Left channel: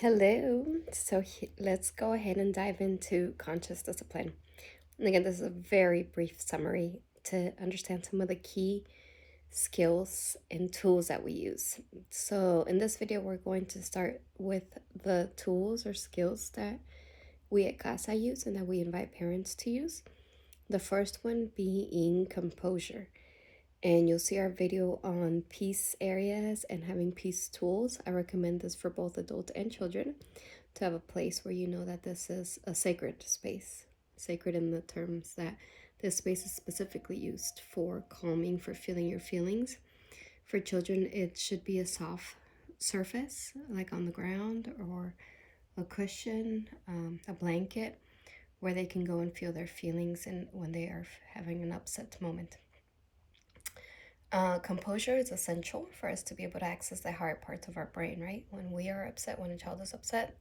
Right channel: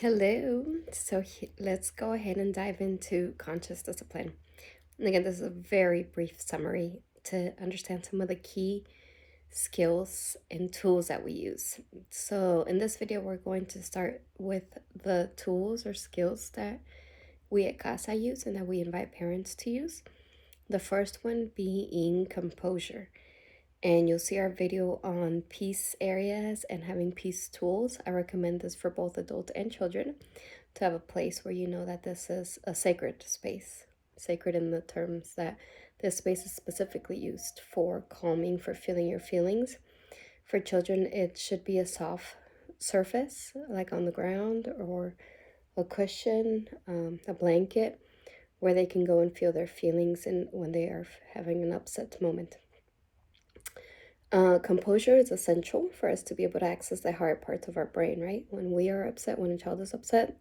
Hello. Let's go ahead and dive into conscious discipline. And again, this is a very brief summary to understand some of the key skills and tools that we use. So, in this video, we're going to start with the tools or skills that we at CASA use and that we invite parents to use. The first one being composure. And you'll see our video on peace areas and having peace tools. I recommend this for both adults and children to have a place where you know that this is a sacred space. Sacred in the terms that this space is specifically used for calming, for feeling your feelings. For children, it should be a soft surface, like on the ground or a cushion, a blanket, where they can go and feel their feelings and when they are having an upset moment. Composure is essential for us to be able to access the higher parts of our brain, right? When we are upset, when a child is upset,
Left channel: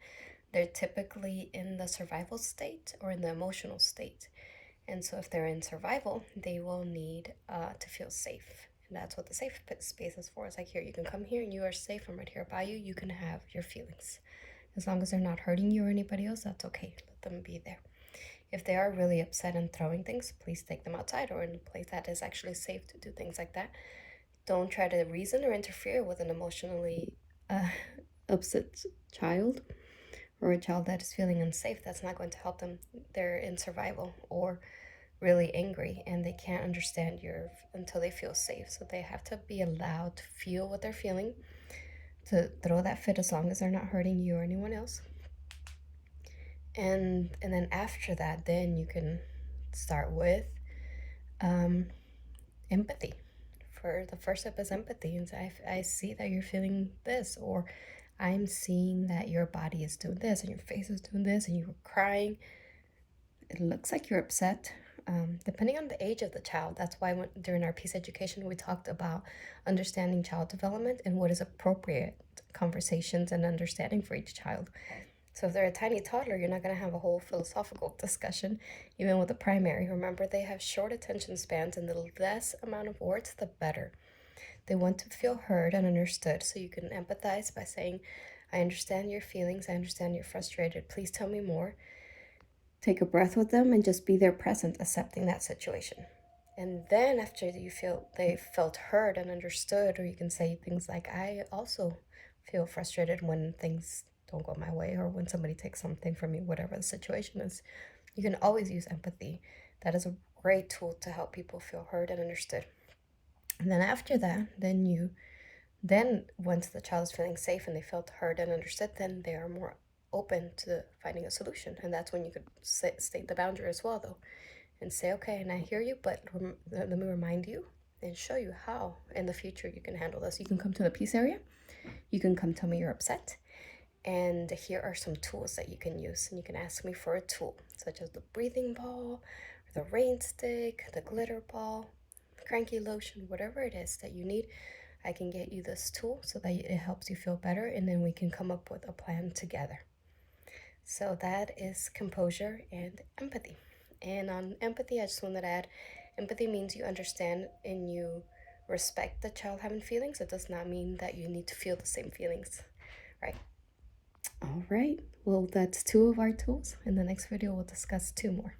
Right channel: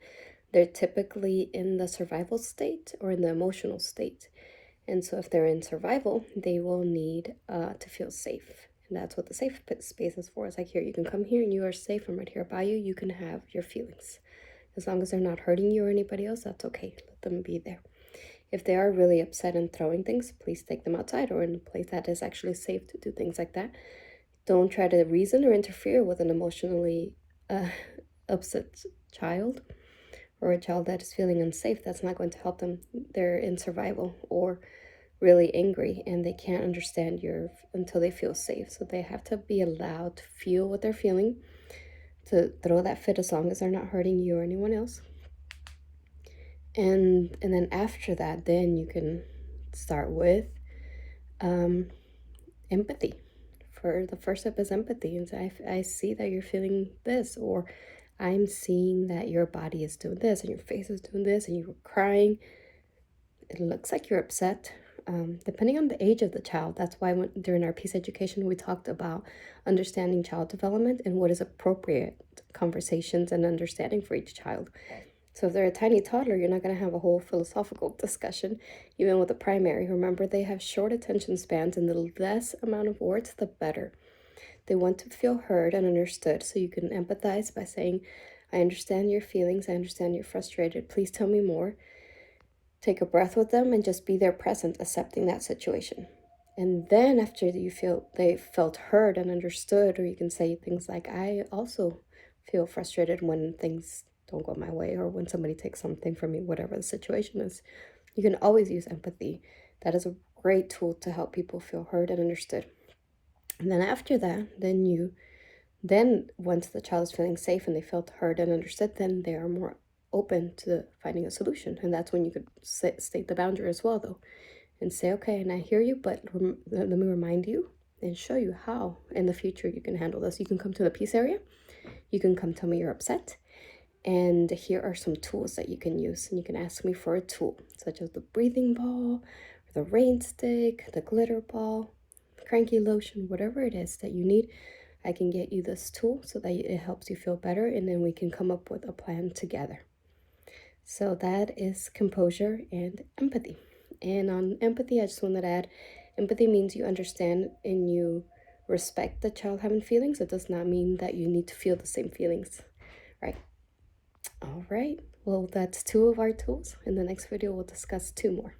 they're typically in the survival state or in the emotional state. And so if they're in survival, they will need to feel safe. And that's what the safe space is for. It's like, here, you can come here and you are safe. I'm right here by you. You can have your feelings. As long as they're not hurting you or anybody else, that's okay. Let them be there. If they are really upset and throwing things, please take them outside or in a place that is actually safe to do things like that. Don't try to reason or interfere with an emotionally uh, upset child or a child that is feeling unsafe. That's not going to help them. They're in survival or really angry and they can't understand your until they feel safe. So they have to be allowed to feel what they're feeling, to throw that fit as long as they're not hurting you or anyone else. And then after that, then you can start with empathy. For the first step is empathy, and say, I see that you're feeling this, or I'm seeing that your body is doing this and your face is doing this and you were crying. It looks like you're upset. Depending on the age of the child, that's why during our peace education we talked about understanding child development and what is appropriate conversations and understanding for each child. So if they're a tiny toddler, you're not going to have a whole philosophical discussion. Even with the primary, remember, they have short attention spans, and the less amount of words, the better. They want to feel heard and understood. So you can empathize by saying, I understand your feelings. I understand you're frustrated. Please tell me more. Take a breath with them and just be there present, accepting that situation. And then after you feel they felt heard and understood, or you can say things like, I also feel frustrated when things don't go my way or when somebody takes something from me, whatever the situation is. You can always use empathy. That is a great tool to help people feel heard and understood. And then after that, then once the child is feeling safe and they felt heard and understood, then they are more open to finding a solution. And that's when you could state the boundary as well, though, and say, okay, and I hear you, but let me remind you and show you how in the future you can handle this. You can come to the peace area. You can come tell me you're upset. And here are some tools that you can use. And you can ask me for a tool, such as the breathing ball, or the rain stick, the glitter ball, cranky lotion, whatever it is that you need. I can get you this tool so that it helps you feel better, and then we can come up with a plan together. So that is composure and empathy. And on empathy, I just wanted to add, empathy means you understand and you respect the child having feelings. It does not mean that you need to feel the same feelings, right? All right. Well, that's two of our tools. In the next video, we'll discuss two more.